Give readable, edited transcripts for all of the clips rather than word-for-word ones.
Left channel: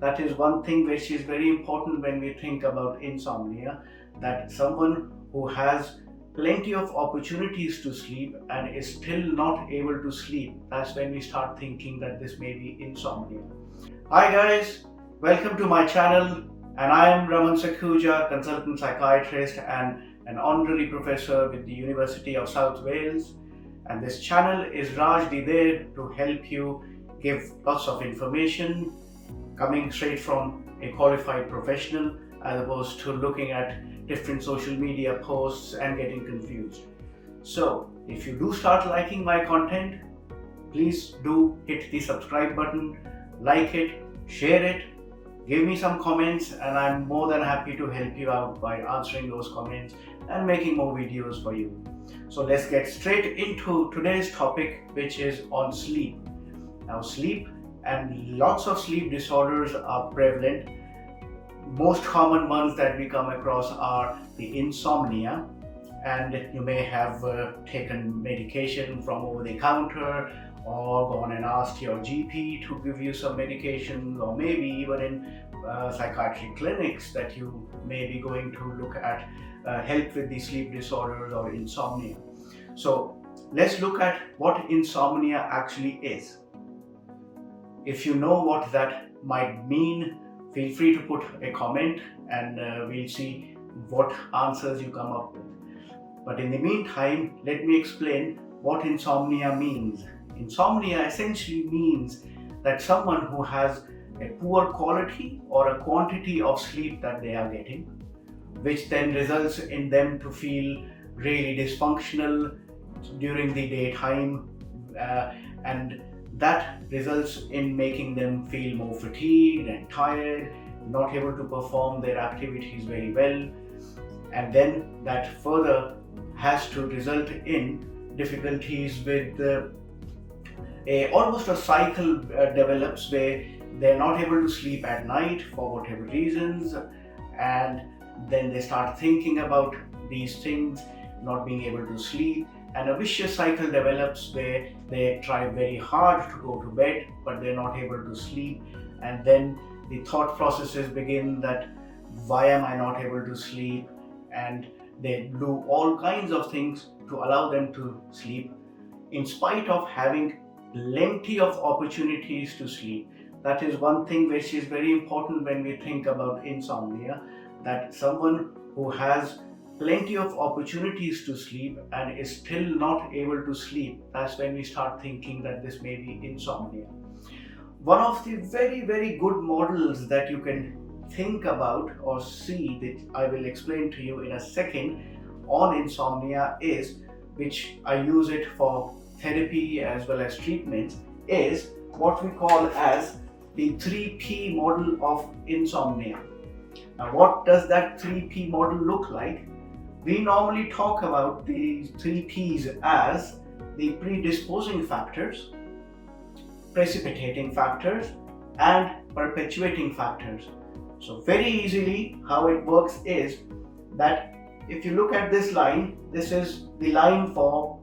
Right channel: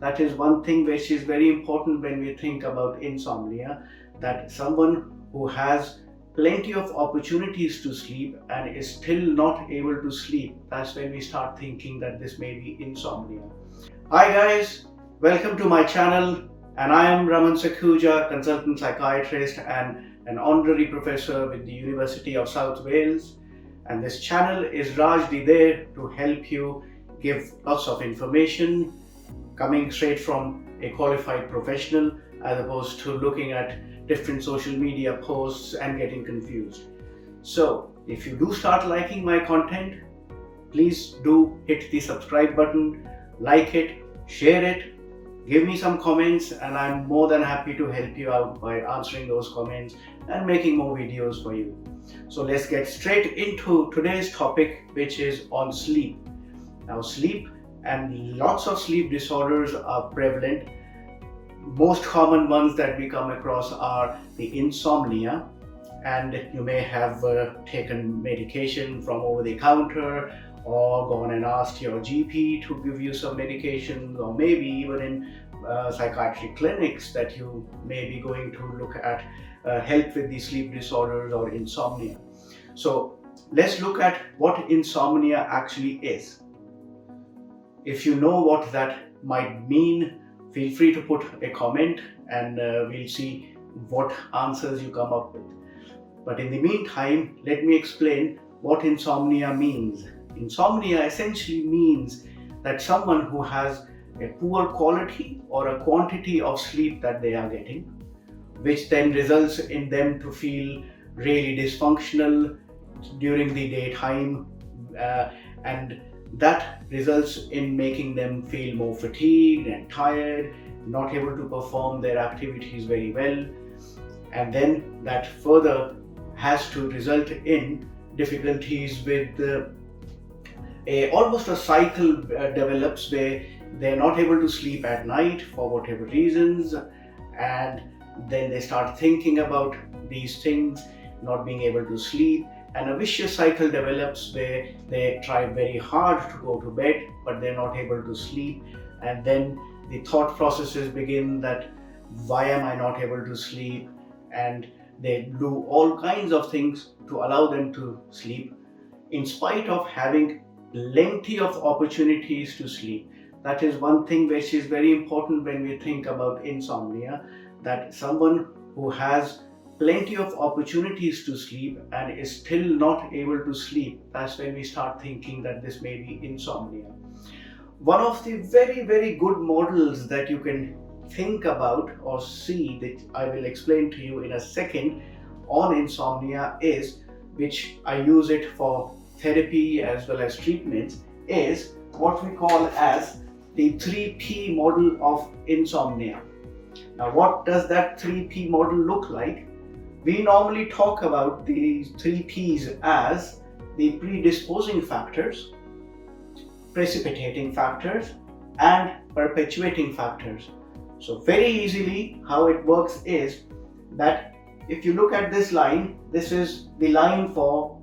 That is one thing which is very important when we think about insomnia, that someone who has plenty of opportunities to sleep and is still not able to sleep, that's when we start thinking that this may be insomnia. Hi guys, welcome to my channel, and I am Raman Sakhuja, consultant psychiatrist and an honorary professor with the University of South Wales. And this channel is largely there to help you give lots of information coming straight from a qualified professional, as opposed to looking at different social media posts and getting confused. So if you do start liking my content, please do hit the subscribe button, like it, share it, give me some comments, and I'm more than happy to help you out by answering those comments and making more videos for you. So let's get straight into today's topic, which is on sleep. Now, sleep and lots of sleep disorders are prevalent. Most common ones that we come across are the insomnia, and you may have taken medication from over the counter or gone and asked your GP to give you some medications, or maybe even in psychiatric clinics that you may be going to look at help with the sleep disorders or insomnia. So let's look at what insomnia actually is. If you know what that might mean, feel free to put a comment and we'll see what answers you come up with. But in the meantime, let me explain what insomnia means. Insomnia essentially means that someone who has a poor quality or a quantity of sleep that they are getting, which then results in them to feel really dysfunctional during the daytime, and that results in making them feel more fatigued and tired, not able to perform their activities very well, and then that further has to result in difficulties with almost a cycle develops where they're not able to sleep at night for whatever reasons, and then they start thinking about these things, not being able to sleep, and a vicious cycle develops where they try very hard to go to bed but they're not able to sleep, and then the thought processes begin that why am I not able to sleep, and they do all kinds of things to allow them to sleep in spite of having plenty of opportunities to sleep. That is one thing which is very important when we think about insomnia, that someone who has plenty of opportunities to sleep and is still not able to sleep, that's when we start thinking that this may be insomnia. One of the very good models that you can think about or see, that I will explain to you in a second, on insomnia is, which I use it for therapy as well as treatments, is what we call as the 3P model of insomnia. Now, what does that 3P model look like? We normally talk about these 3 Ps as the predisposing factors, precipitating factors, and perpetuating factors. So very easily how it works is that if you look at this line, this is the line for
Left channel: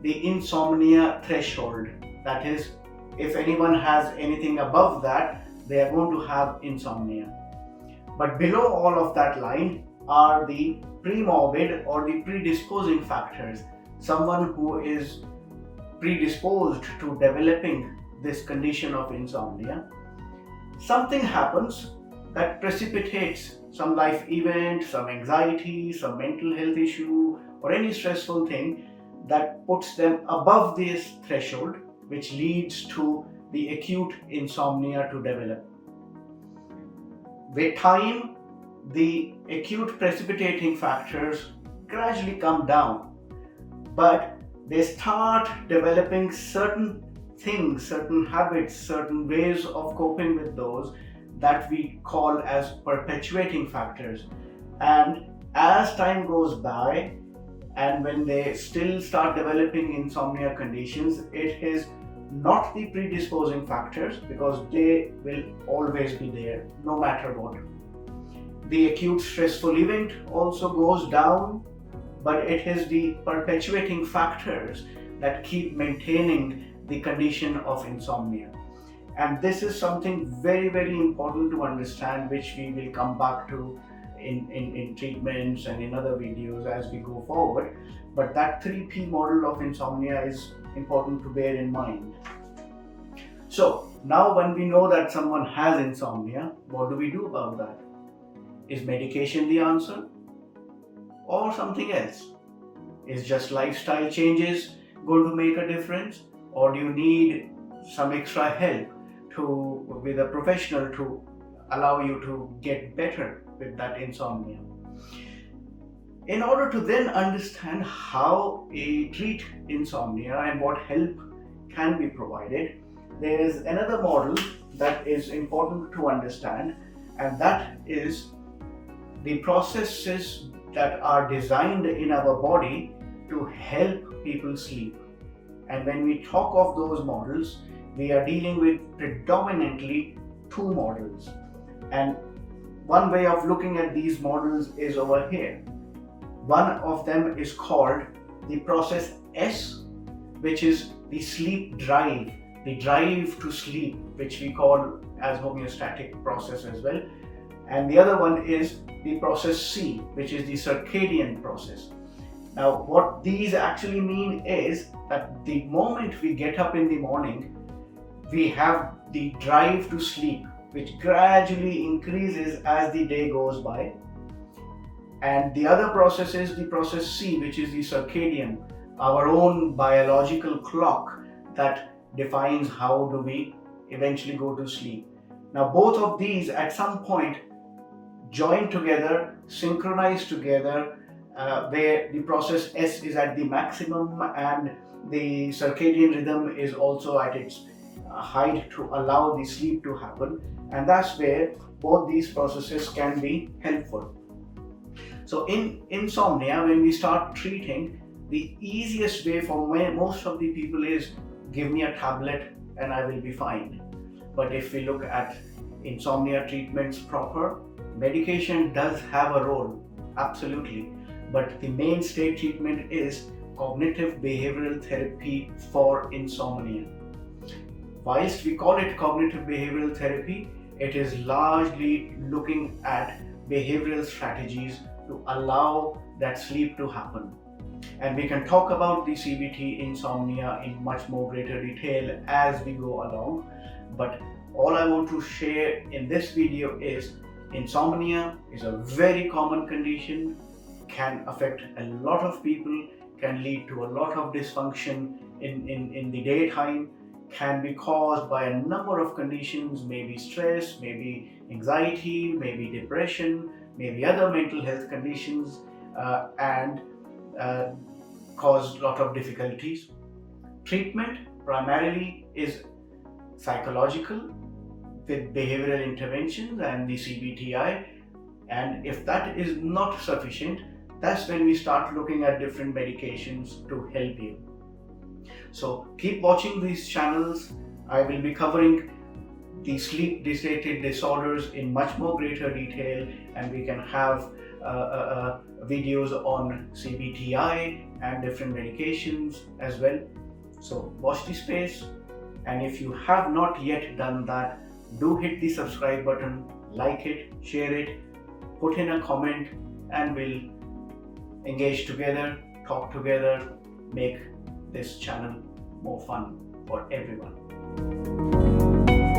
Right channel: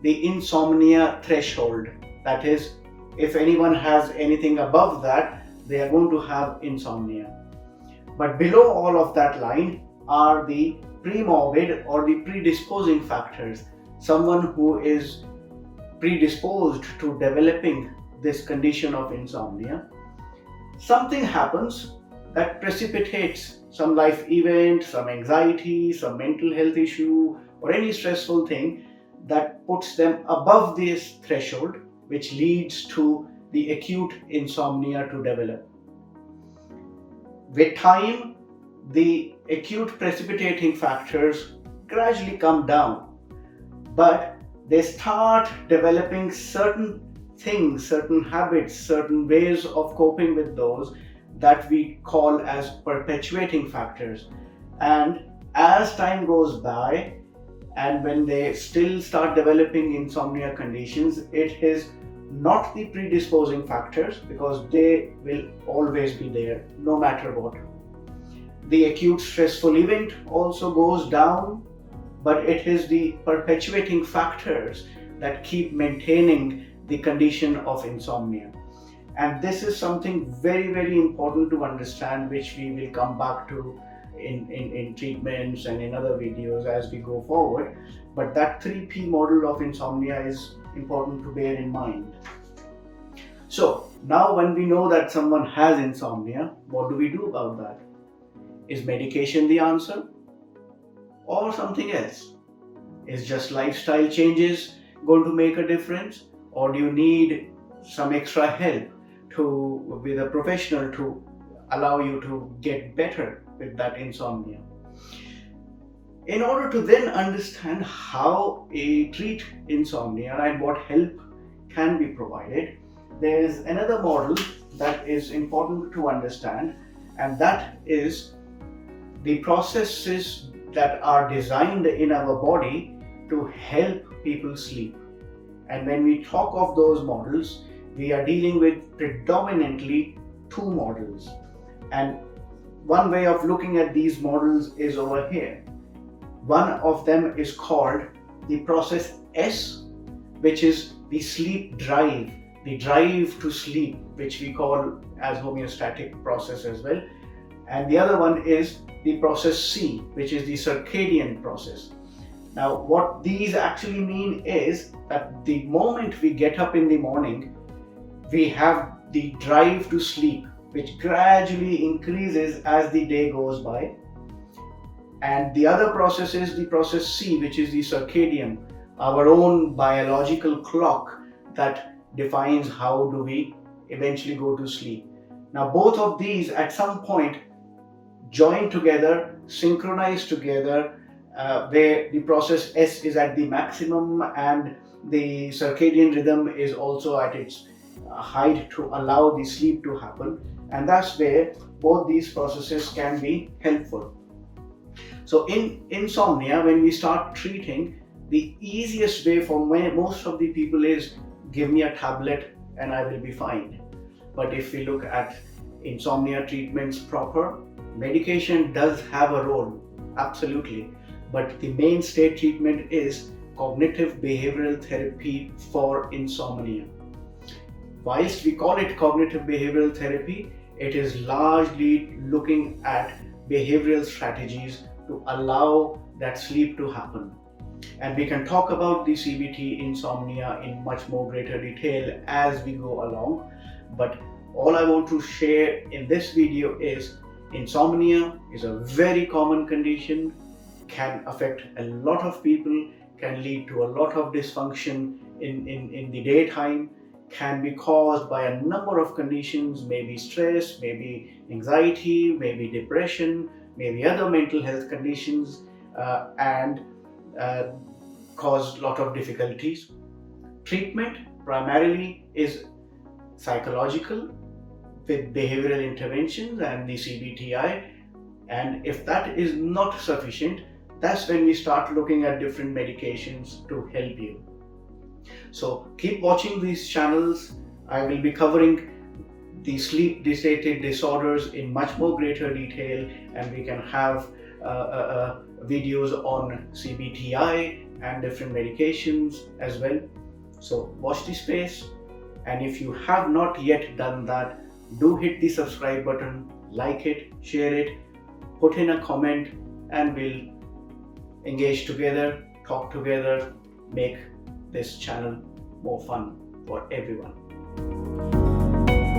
the insomnia threshold. That is, if anyone has anything above that, they are going to have insomnia. But below all of that line are the premorbid or the predisposing factors. Someone who is predisposed to developing this condition of insomnia, something happens that precipitates some life event, some anxiety, some mental health issue, or any stressful thing that puts them above this threshold, which leads to the acute insomnia to develop. With time, the acute precipitating factors gradually come down, but they start developing certain things, certain habits, certain ways of coping with those that we call as perpetuating factors. And as time goes by, and when they still start developing insomnia conditions, it is not the predisposing factors, because they will always be there no matter what. The acute stressful event also goes down, but it is the perpetuating factors that keep maintaining the condition of insomnia. And this is something very, very important to understand, which we will come back to in treatments and in other videos as we go forward. But that 3P model of insomnia is important to bear in mind. So now when we know that someone has insomnia, what do we do about that? Is medication the answer or something else? Is just lifestyle changes going to make a difference, or do you need some extra help with a professional to allow you to get better with that insomnia? In order to then understand how to treat insomnia and what help can be provided, there is another model that is important to understand, and that is the processes that are designed in our body to help people sleep. And when we talk of those models, we are dealing with predominantly two models. And one way of looking at these models is over here. One of them is called the process S, which is the sleep drive, the drive to sleep, which we call as homeostatic process as well. And the other one is the process C, which is the circadian process. Now, what these actually mean is that the moment we get up in the morning, we have the drive to sleep, which gradually increases as the day goes by. And the other process is the process C, which is the circadian, our own biological clock that defines how do we eventually go to sleep. Now, both of these at some point join together, synchronize together, where the process S is at the maximum and the circadian rhythm is also at its height to allow the sleep to happen. And that's where both these processes can be helpful. So in insomnia, when we start treating, the easiest way for most of the people is give me a tablet and I will be fine. But if we look at insomnia treatments proper, medication does have a role, absolutely. But the mainstay treatment is cognitive behavioral therapy for insomnia. Whilst we call it cognitive behavioral therapy, it is largely looking at behavioral strategies to allow that sleep to happen. And we can talk about the CBT insomnia in much more greater detail as we go along. But all I want to share in this video is insomnia is a very common condition, can affect a lot of people, can lead to a lot of dysfunction in the daytime, can be caused by a number of conditions, maybe stress, maybe anxiety, maybe depression, maybe other mental health conditions, and cause a lot of difficulties. Treatment primarily is psychological with behavioral interventions and the CBT-I, and if that is not sufficient, that's when we start looking at different medications to help you. So keep watching these channels. I will be covering the sleep-related disorders in much more greater detail, and we can have videos on CBT-I and different medications as well. So watch this space, and if you have not yet done that, do hit the subscribe button, like it, share it, put in a comment, and we'll engage together, talk together, make this channel more fun for everyone.